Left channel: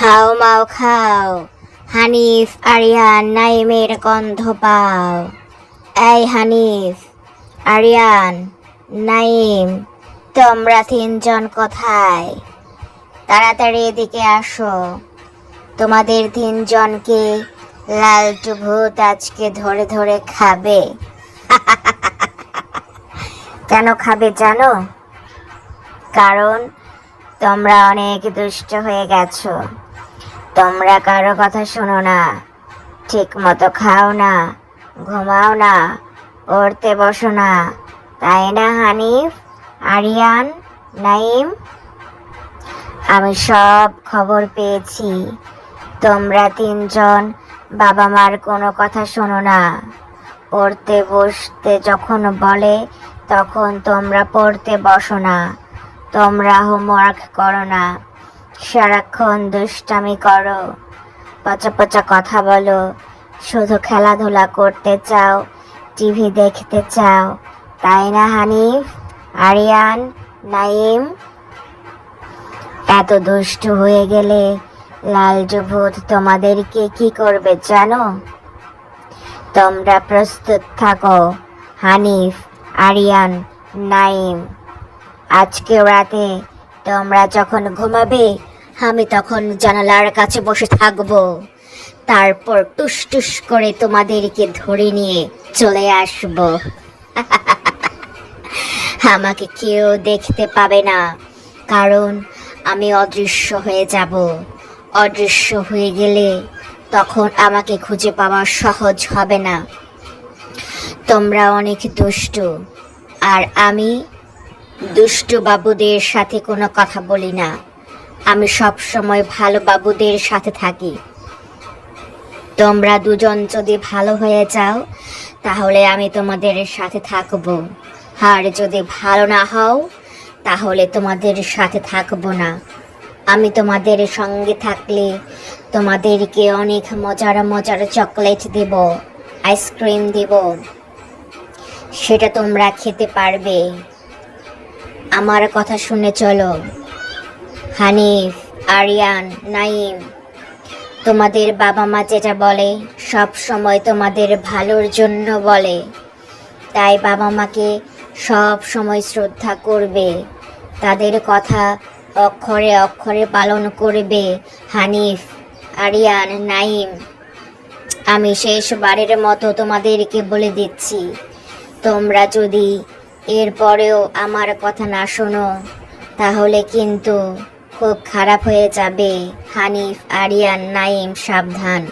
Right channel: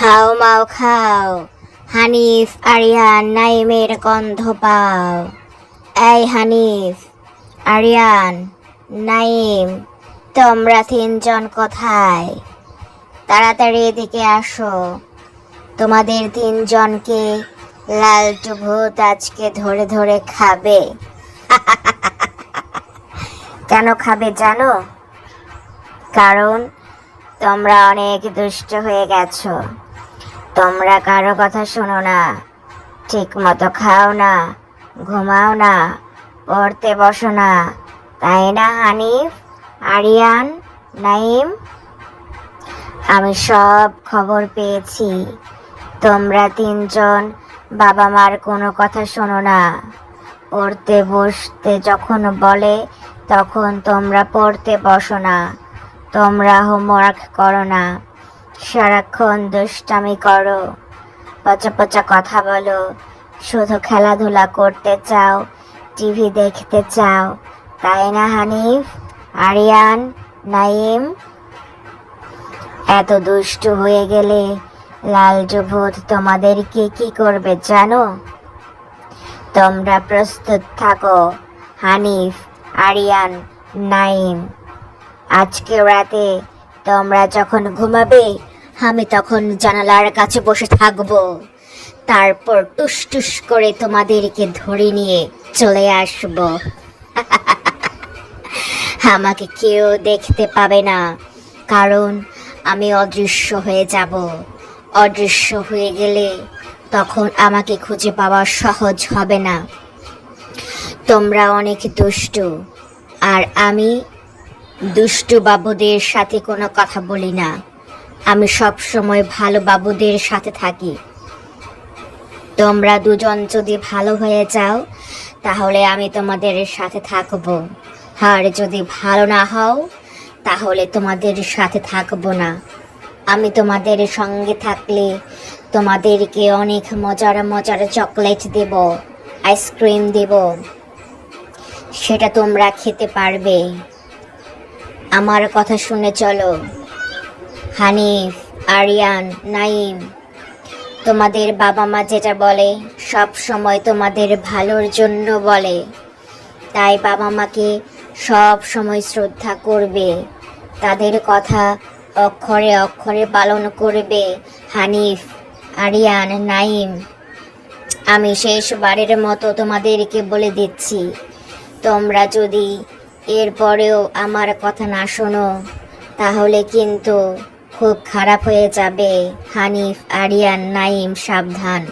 হাও মাও খাও, হানিফ আরিয়ান নাইমের গন্ধ পাও। এই হানিফ, আরিয়ান, নাইম, তোমরা তিনজন কোথায়? তাড়াতাড়ি এদিকে আসো। তোমাদের তিনজনকে লালটু ভূত আজকে ধরে ধরে খাবে। কেন খাবে জানো? কারণ তোমরা অনেক দুষ্ট হয়ে গেছো। তোমরা কারো কথা শোনো না, ঠিক মতো খাও না, ঘুমাও না, পড়তে বসো না, তাই না হানিফ, আরিয়ান, নাইম? আমি সব খবর পেয়েছি। তোমরা তিনজন বাবা মার কোনো কথা শোনো না। পড়তে বসতে যখন বলে তখন তোমরা পড়তে বসো না। তোমরা হোমওয়ার্ক করো না, সারাক্ষণ দুষ্টামি করো, পচা পচা কথা বলো, শুধু খেলাধুলা করতে চাও, টিভি দেখতে চাও, তাই না হানিফ, আরিয়ান, নাইম? এত দুষ্টু হয়ে গেলে লালটু ভূত তোমাদেরকে কি করবে জানো? তোমরা প্রস্তুত থাকো হানিফ, আরিয়ান, নাইম। আজকে রাতে তোমরা যখন ঘুমাবে আমি তখন জানালার কাছে বসে থাকবো। তারপর টুস টুস করে তোমাদেরকে ধরে নিয়ে চলে আসবো। আমাকে কেউ দেখতে পাবে না, কারণ আমি অদৃশ্য হয়ে যাব। অদৃশ্য হয়ে গেলে তখন আমাকে খুঁজে পাওয়া সহজ হবে না। তোমরা অনেক দুষ্টু, আর আমি দুষ্টু বাবুদের সাথে কোনো কথা বলি না। আমি সব সময় ভালো বাবুদের সাথে থাকি। তোমরা দুজন যদি ভালো হয়ে যাও তাহলে আমি তোমাদের সাথে থাকবো, আর যদি ভালো না হও তাহলে তোমাদের সাথে থাকবো না। আমি তোমাদের সঙ্গে থাকলে তোমাদেরকে অনেক মজার মজার চকলেট দেব, আইসক্রিম দেব, সেটা তোমরা খেতে পারবে। আমার কথা শুনে চলো হানিফ, আরিয়ান, নাইম। তোমাদের বাবা মা যেটা বলে সব সময় তোমাদের ভালোর জন্য বলে, তাই বাবা মাকে সব সময় শ্রদ্ধা করবে, তাদের কথা অক্ষরে অক্ষরে পালন করবে। হানিফ, আরিয়ান, নাইম, আমি শেষবারের মতো তোমাদেরকে বলে দিচ্ছি, তোমরা যদি এরপরেও আমার কথা না শোনো তাহলে কিন্তু খুব খারাপ হয়ে যাবে। হানিফ, আরিয়ান, নাইম, সাবধান।